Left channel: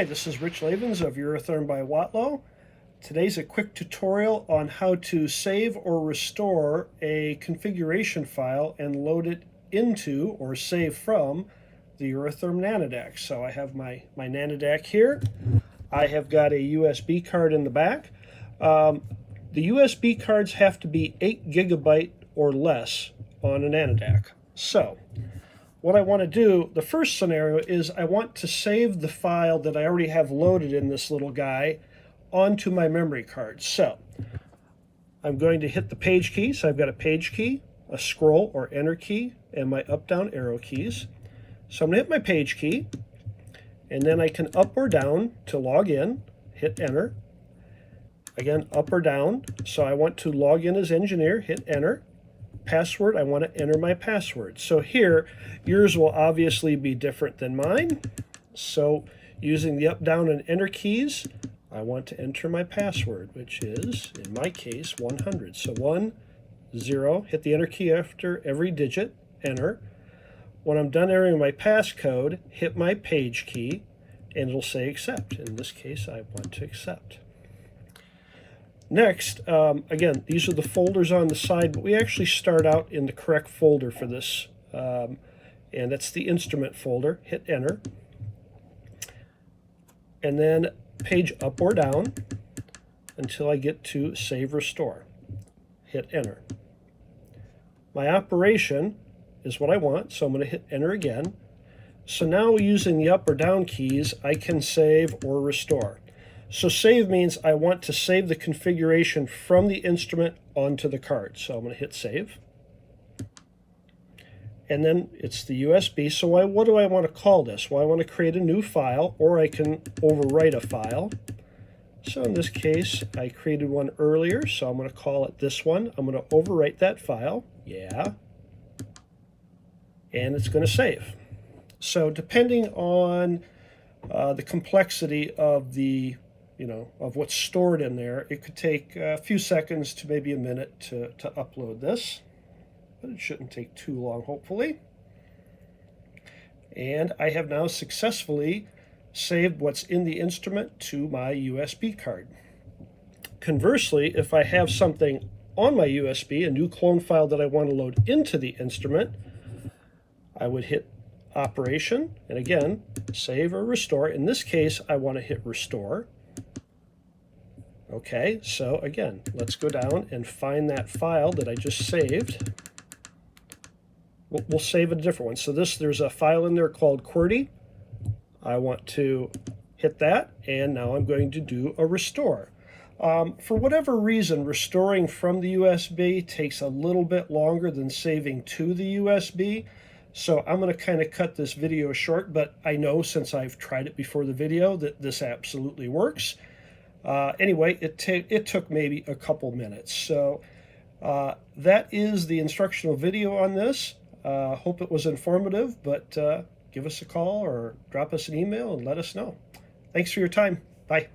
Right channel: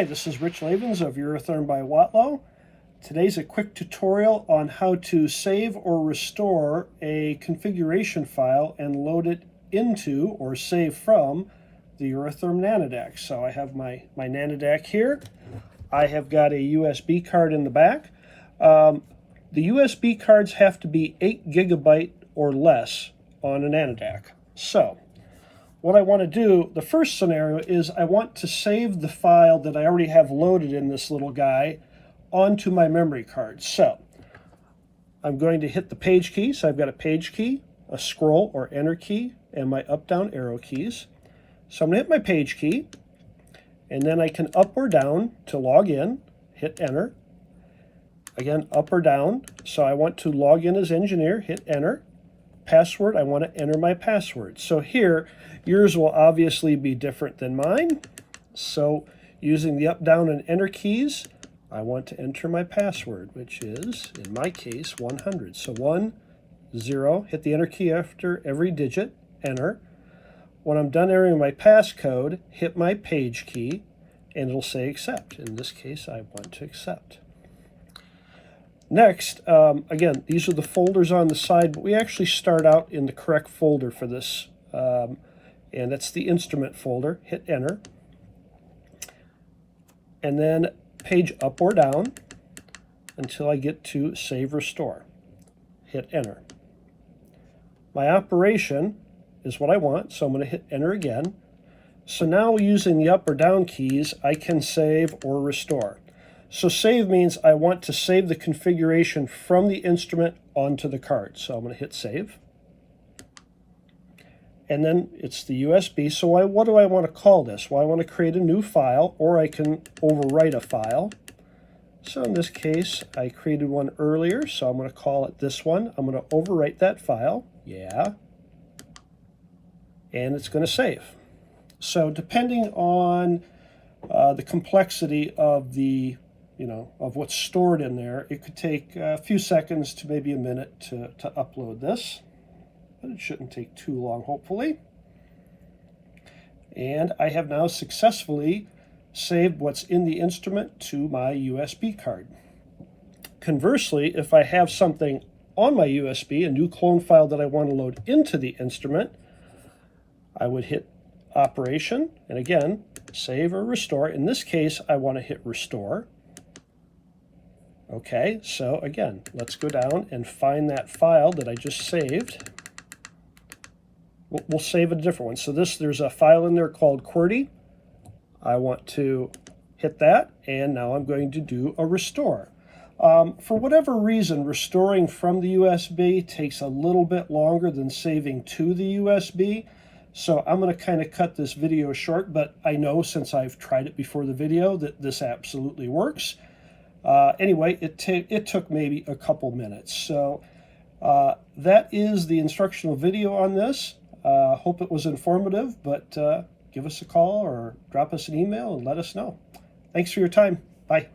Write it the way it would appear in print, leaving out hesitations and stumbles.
Hi, this is Rich Lavens of Eurotherm by Watlow. Today's a quick tutorial on how to save or restore a configuration file and load it into or save from the Eurotherm nanodac. So I have my nanodac here. I have got a USB card in the back. The USB cards have to be 8 gigabyte or less on a nanodac. So what I want to do, the first scenario is I want to save the file that I already have loaded in this little guy onto my memory card. So I'm going to hit the page key. So I've got a page key, a scroll or enter key, and my up-down arrow keys. So I'm going to hit my page key, and then I can up or down to log in, hit enter. Again, up or down. So I want to log in as engineer, hit enter. Password, I want to enter my password. So here, yours will obviously be different than mine. So using the up, down, and enter keys, I want to enter my password, which is, in my case, 100. So 1, 0, hit the enter key after every digit, enter. When I'm done entering my passcode, hit my page key, and it'll say accept. In this case, I want to accept. Next, again, these are the folders on the side, but we actually start out in the correct folder for this, and that's the instrument folder. Hit enter, and then page up or down until I get to save restore. Hit enter. My operation is what I want, so I'm going to hit enter again. So now using the up or down keys, I can save or restore. So save means I want to save the configuration from the instrument onto the card. So I'm going to hit save. And then it's the USB. So what do I want to call this? Well, I want to create a new file, or I can overwrite a file. So in this case, I created one earlier, so I'm going to call it this one. I'm going to overwrite that file. Yeah. And it's going to save. So depending on the complexity of the of what's stored in there, it could take a few seconds to maybe a minute to upload this, but it shouldn't take too long, hopefully. And I have now successfully saved what's in the instrument to my USB card. Conversely, if I have something on my USB, a new clone file that I want to load into the instrument, I would hit operation, and again, save or restore. In this case, I want to hit restore. Okay, so again, let's go down and find that file that I just saved. We'll save a different one. So there's a file in there called QWERTY. I want to hit that, and now I'm going to do a restore. For whatever reason, restoring from the USB takes a little bit longer than saving to the USB. So I'm going to kind of cut this video short, but I know since I've tried it before the video that this absolutely works. Anyway, it took maybe a couple minutes. So that is the instructional video on this. Hope it was informative, but give us a call or drop us an email and let us know. Thanks for your time. Bye.